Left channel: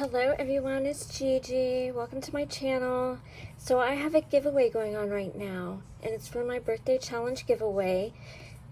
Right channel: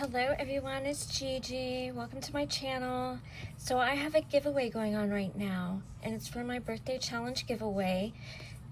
Hello everyone, it's Gigi. Welcome to my channel. So I have a giveaway going on right now, and it's for my birthday challenge giveaway.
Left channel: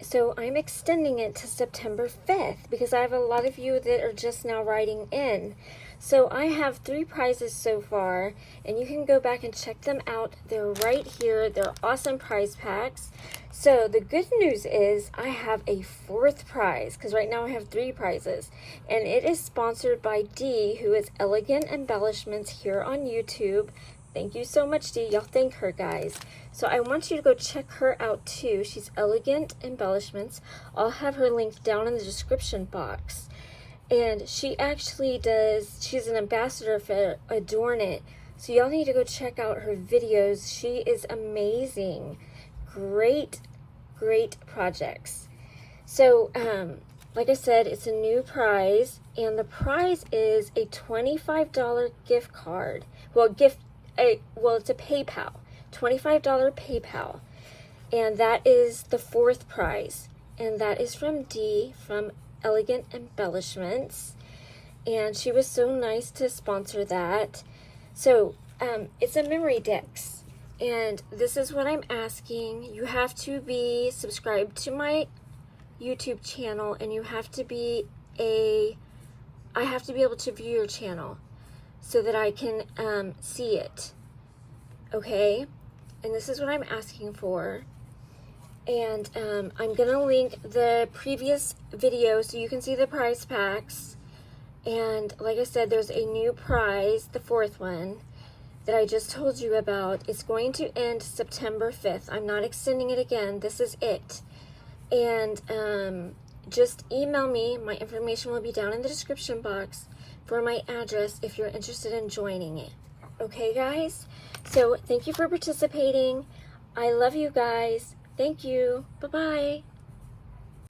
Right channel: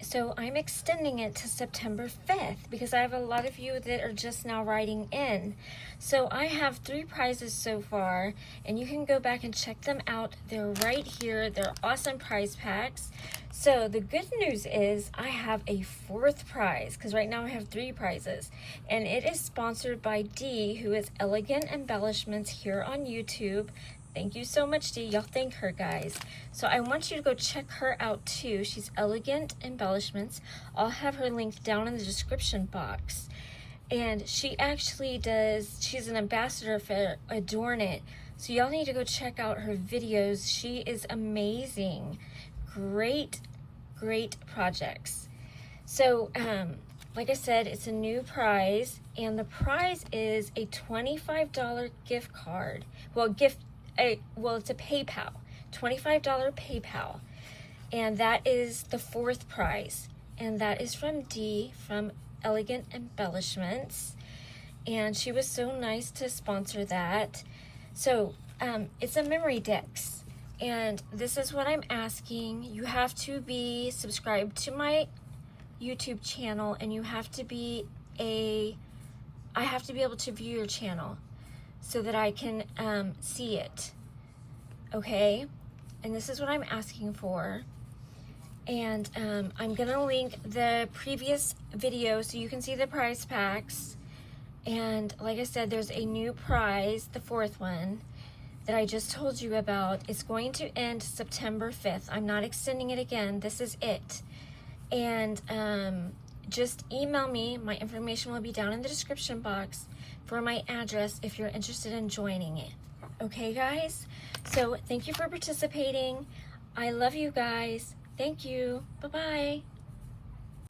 So I'm extending it to September 5th because I have a lot of you that are just now writing in. So I have 3 prizes so far, and you can go back and check them out. They're right here. They're awesome prize packs. So the good news is I have a 4th prize because right now I have 3 prizes, and it is sponsored by Dee, who is Elegant Embellishments here on YouTube. Thank you so much, Dee. Y'all thank her, guys. So I want you to go check her out too. She's Elegant Embellishments. I'll have her link down in the description box. And she actually she's an ambassador for Adorn It. So y'all need to go check out her videos. She is amazing. Great projects. So, like I said, it's a new prize, and the prize is a $25 gift card. Well, it's a PayPal, $25 PayPal, and that is the 4th prize, and that is from Dee from Elegant Embellishments, and she was so nice to sponsor that. So, it's a Memorydex. And this is what I'm asking. You have to be subscribed to my YouTube channel, and you have to be I have to be able to view your channel so that I can see it. Okay? And this is what I'm asking for. And I'm gonna link the previous video so you can see the prize packs. And like I said, there's a new prize, the 4th one, that I just told you about. It's going to end September 5th. I'm not extending it again. This is it. And just email me. My information will be down in the description box for my address if you're interested in joining it. Okay, guys? So thank you for participating. I love you guys. Thank you. Bye-bye.